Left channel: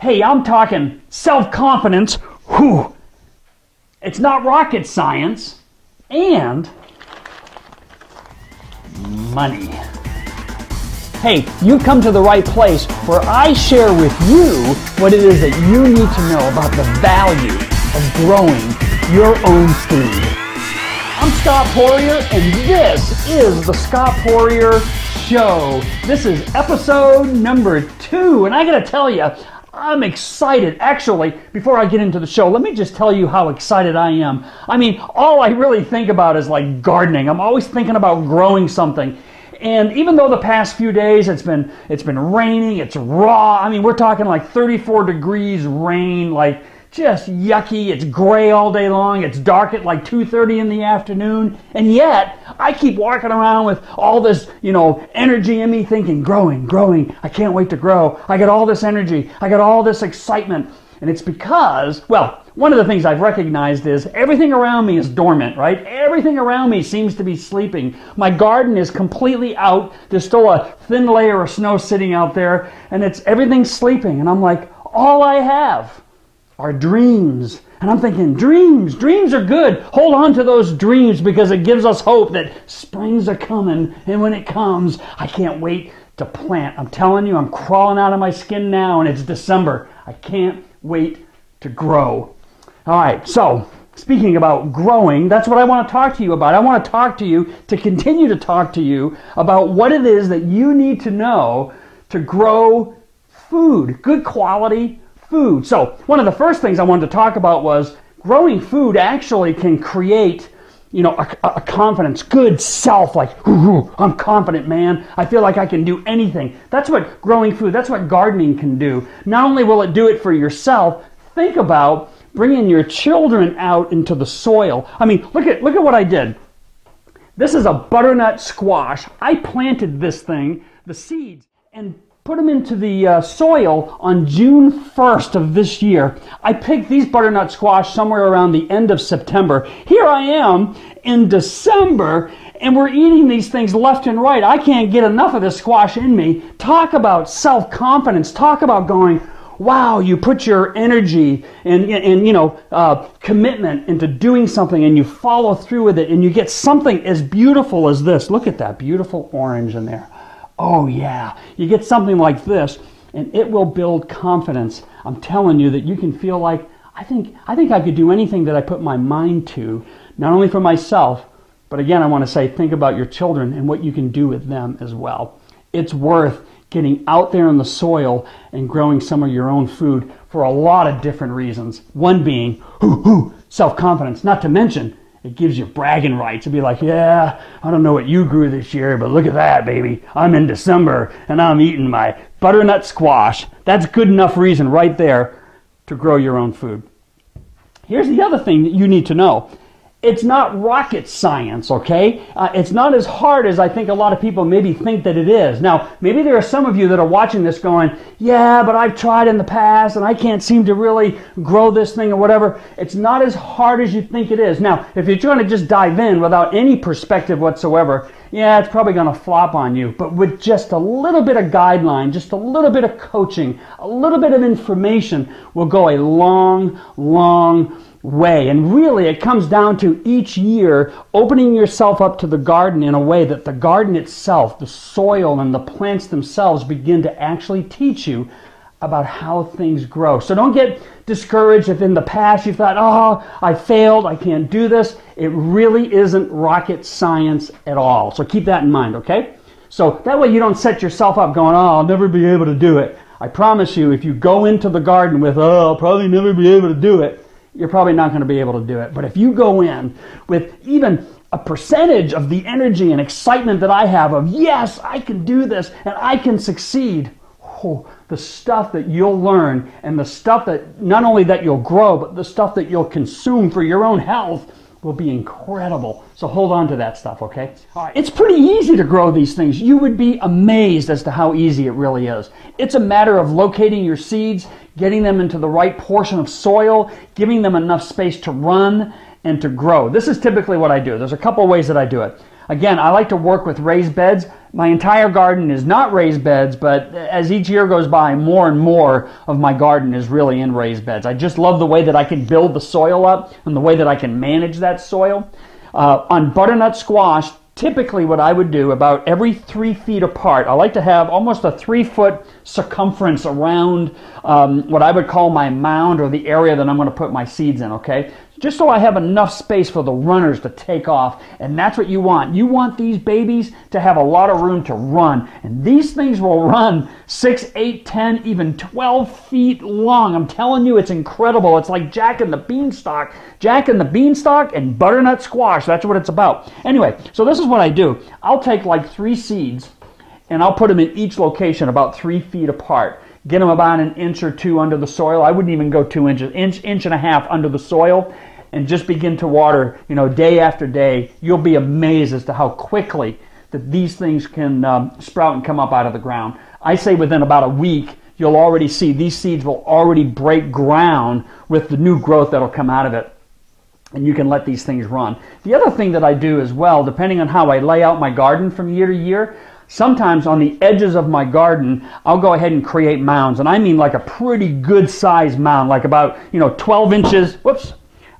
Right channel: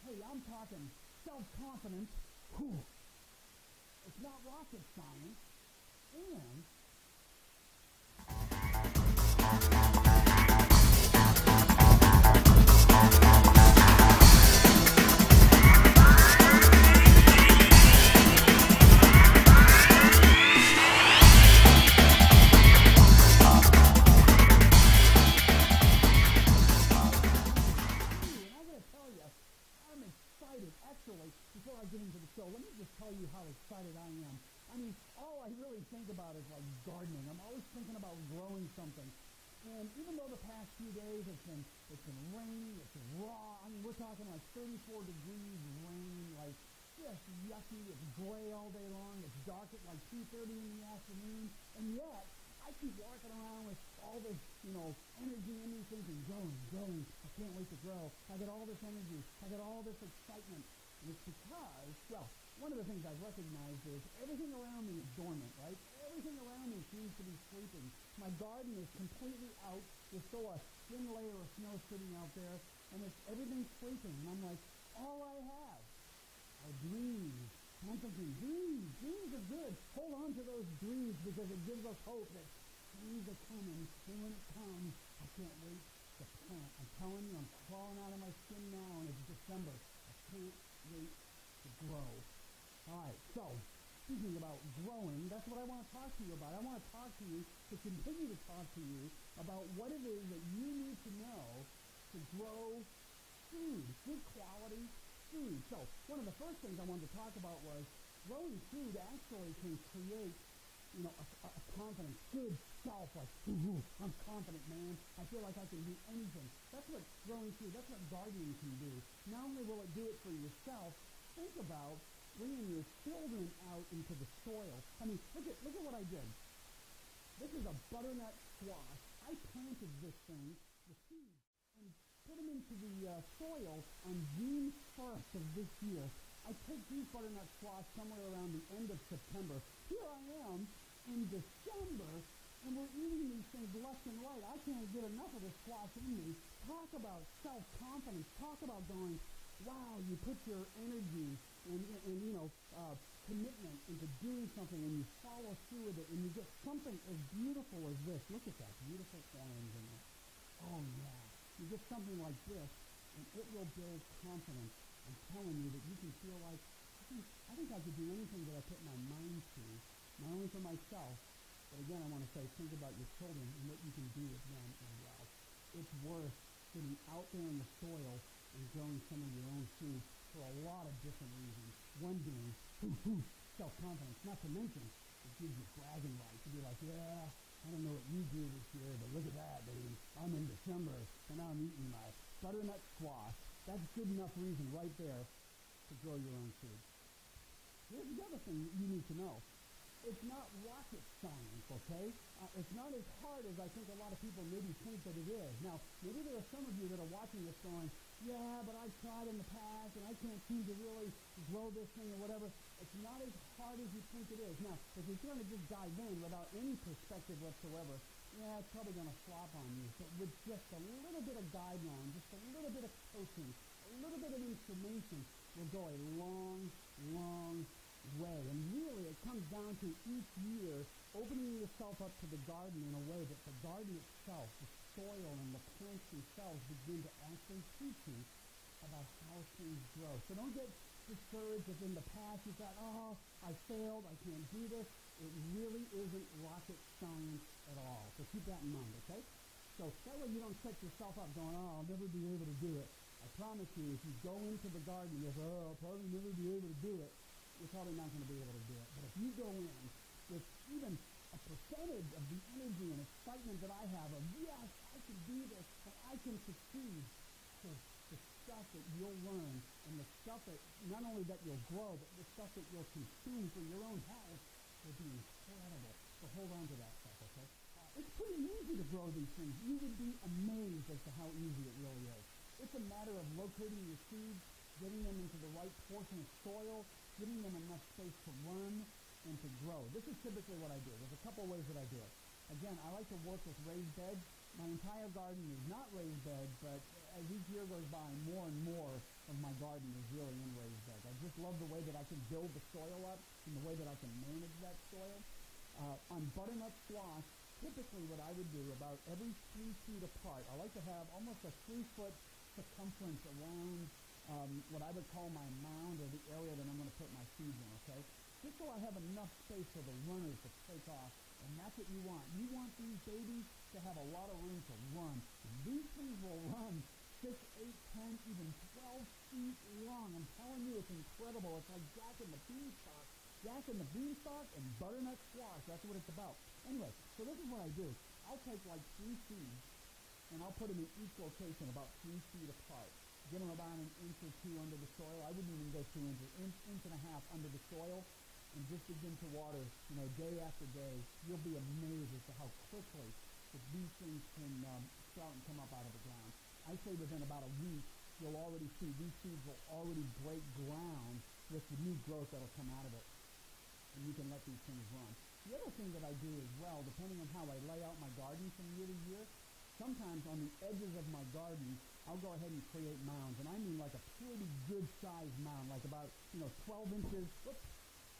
Hey, I'm talking self-confidence. Whew. It's not rocket science. And money. Hey, you come to the right place where I share with you what it is that you need to know about the value of growing your own food. I'm Scott Poirer, and this is the Scott Poirer Show. This is episode number 2, and I gotta tell you, I'm excited. Actually, before I get into the show, let me just tell you how excited I am. I mean, all I really think about is like gardening. I'm always thinking about growing something. And even though the past few days it's been raining, it's raw. I mean, we're talking like 34 degrees rain, like just yucky. It's gray all day long. It's dark at like 2:30 in the afternoon. And yet, I keep walking around with all this, energy in me thinking, growing. I can't wait to grow. I got all this energy. I got all this excitement. And it's because, well, one of the things I've recognized is everything around me is dormant, right? Everything around me seems to be sleeping. My garden is completely out. There's still a thin layer of snow sitting out there, and everything's sleeping. And I'm like, all I have are dreams. And I'm thinking, dreams are good. Hold on to those dreams because it gives us hope that springs are coming. And when it comes, I can't wait to plant. I'm telling you, I'm crawling out of my skin now, and it's December. I can't wait to grow. All right, so speaking about growing, that's what I want to talk to you about. I want to talk to you, to continue to talk to you about what it is that you need to know to grow food, good quality food. So one of the first things I wanted to talk about was growing food actually can create, a confidence, good self, like, ooh, I'm confident, man. I feel like I can do anything. That's what growing food, that's what gardening can do. Not only will it do it for yourself, think about bringing your children out into the soil. I mean, look at what I did. This is a butternut squash. I planted this thing, the seeds, and put them into the soil on June 1st of this year. I picked these butternut squash somewhere around the end of September. Here I am in December, and we're eating these things left and right. I can't get enough of this squash in me. Talk about self-confidence. Talk about going, wow, you put your energy and commitment into doing something, and you follow through with it, and you get something as beautiful as this. Look at that beautiful orange in there. Oh yeah, you get something like this, and it will build confidence. I'm telling you that you can feel like, I think I could do anything that I put my mind to, not only for myself, but again, I want to say, think about your children and what you can do with them as well. It's worth getting out there in the soil and growing some of your own food for a lot of different reasons. One being, self-confidence, not to mention, it gives you bragging rights to be like, yeah, I don't know what you grew this year, but look at that, baby. I'm in December, and I'm eating my butternut squash. That's good enough reason right there to grow your own food. Here's the other thing that you need to know. It's not rocket science, okay? It's not as hard as I think a lot of people maybe think that it is. Now, maybe there are some of you that are watching this going, yeah, but I've tried in the past and I can't seem to really grow this thing or whatever. It's not as hard as you think it is. Now, if you're trying to just dive in without any perspective whatsoever, yeah, it's probably going to flop on you. But with just a little bit of guideline, just a little bit of coaching, a little bit of information will go a long, long way. And really it comes down to each year opening yourself up to the garden in a way that the garden itself, the soil and the plants themselves begin to actually teach you about how things grow. So don't get discouraged if in the past you thought, oh, I failed, I can't do this. It really isn't rocket science at all. So keep that in mind, okay? So that way you don't set yourself up going, oh, I'll never be able to do it. I promise you, if you go into the garden with, oh, I'll probably never be able to do it, you're probably not going to be able to do it. But if you go in with even a percentage of the energy and excitement that I have of, yes, I can do this and I can succeed, the stuff that you'll learn and the stuff that not only that you'll grow, but the stuff that you'll consume for your own health will be incredible. So hold on to that stuff, okay? All right. It's pretty easy to grow these things. You would be amazed as to how easy it really is. It's a matter of locating your seeds, getting them into the right portion of soil, giving them enough space to run and to grow. This is typically what I do. There's a couple of ways that I do it. Again, I like to work with raised beds. My entire garden is not raised beds, but as each year goes by, more and more of my garden is really in raised beds. I just love the way that I can build the soil up and the way that I can manage that soil. On butternut squash, typically what I would do about every 3 feet apart, I like to have almost a 3-foot circumference around what I would call my mound or the area that I'm going to put my seeds in, okay? Just so I have enough space for the runners to take off, and that's what you want. You want these babies to have a lot of room to run, and these things will run 6, 8, 10, even 12 feet long. I'm telling you, it's incredible. It's like Jack and the Beanstalk. Jack and the Beanstalk and butternut squash. That's what it's about. Anyway, so this is what I do. I'll take like 3 seeds, and I'll put them in each location about 3 feet apart. Get them about an inch or 2 under the soil. I wouldn't even go 2 inches, inch and a half under the soil, and just begin to water, you know, day after day. You'll be amazed as to how quickly that these things can sprout and come up out of the ground. I say within about a week, you'll already see these seeds will already break ground with the new growth that'll come out of it. And you can let these things run. The other thing that I do as well, depending on how I lay out my garden from year to year, sometimes on the edges of my garden, I'll go ahead and create mounds. And I mean like a pretty good sized mound, like about, 12 inches,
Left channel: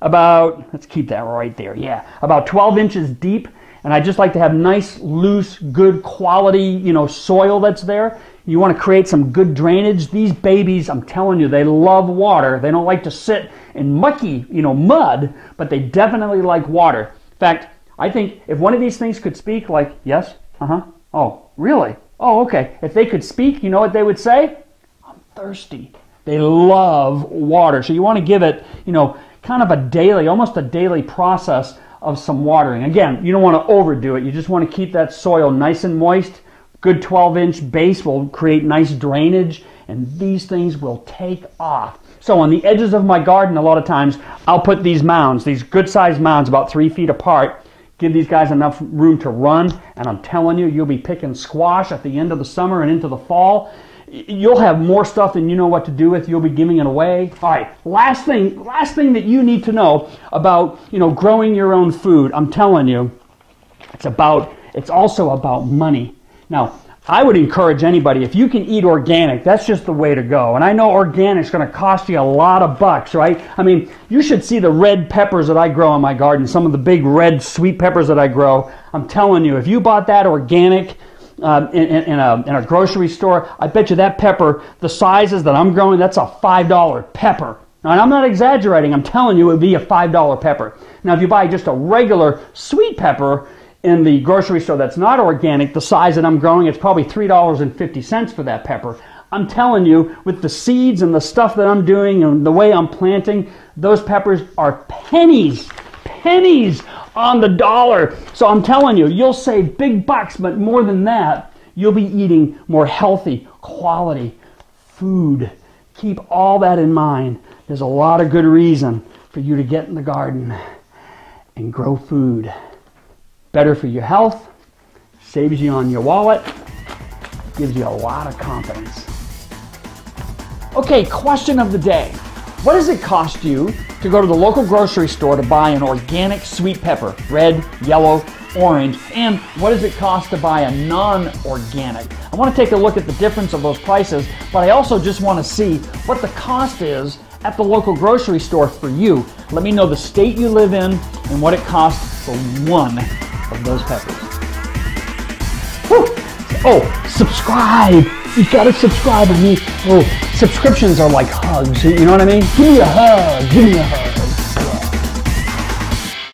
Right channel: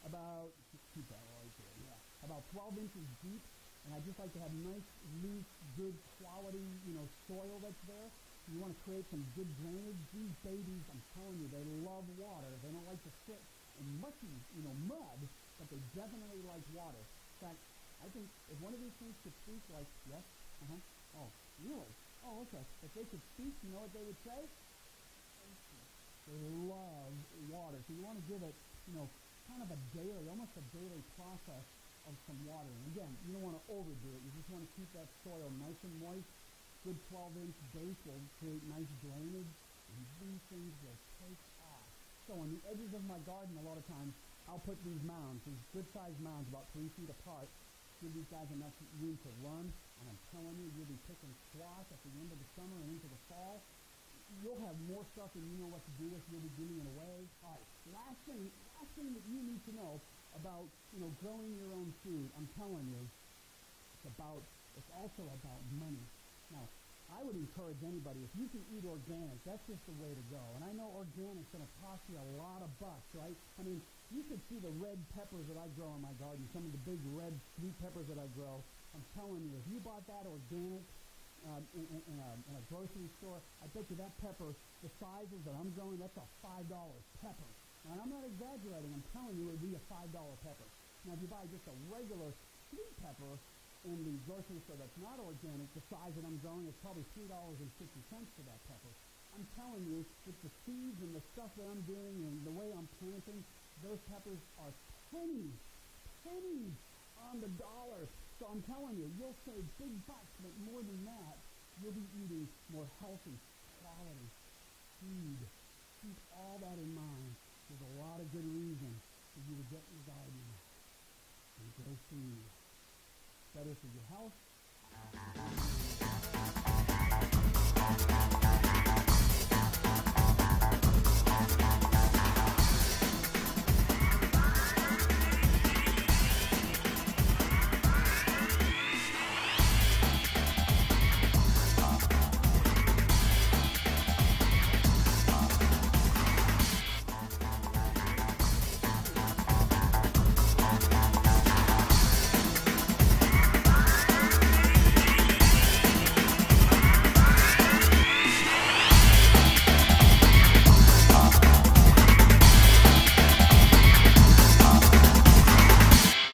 about, let's keep that right there, yeah, about 12 inches deep. And I just like to have nice, loose, good quality, soil that's there. You want to create some good drainage. These babies, I'm telling you, they love water. They don't like to sit in mucky, mud, but they definitely like water. In fact, I think if one of these things could speak, like, yes, oh, really? Oh, okay. If they could speak, you know what they would say? I'm thirsty. They love water. So you want to give it, kind of a daily, almost a daily process of some watering. Again, you don't want to overdo it. You just want to keep that soil nice and moist. Good 12-inch base will create nice drainage, and these things will take off. So on the edges of my garden, a lot of times, I'll put these mounds, these good-sized mounds about 3 feet apart, give these guys enough room to run, and I'm telling you, you'll be picking squash at the end of the summer and into the fall. You'll have more stuff than you know what to do with. You'll be giving it away. All right, last thing that you need to know about, growing your own food. I'm telling you, it's also about money. Now, I would encourage anybody, if you can eat organic, that's just the way to go. And I know organic's going to cost you a lot of bucks, right? I mean, you should see the red peppers that I grow in my garden, some of the big red sweet peppers that I grow. I'm telling you, if you bought that organic in a grocery store, I bet you that pepper, the sizes that I'm growing, that's a $5 pepper. Now, and I'm not exaggerating. I'm telling you, it would be a $5 pepper. Now, if you buy just a regular sweet pepper in the grocery store that's not organic, the size that I'm growing, it's probably $3.50 for that pepper. I'm telling you, with the seeds and the stuff that I'm doing and the way I'm planting, those peppers are pennies on the dollar. So I'm telling you, you'll save big bucks, but more than that, you'll be eating more healthy, quality food. Keep all that in mind. There's a lot of good reason for you to get in the garden and grow food. Better for your health, saves you on your wallet, gives you a lot of confidence. Okay, question of the day. What does it cost you to go to the local grocery store to buy an organic sweet pepper, red, yellow, orange, and what does it cost to buy a non-organic? I want to take a look at the difference of those prices, but I also just want to see what the cost is at the local grocery store for you. Let me know the state you live in and what it costs for one of those peppers. Whew. Oh, subscribe! You gotta subscribe to me. Oh, subscriptions are like hugs, you know what I mean? Give me a hug, give me a hug.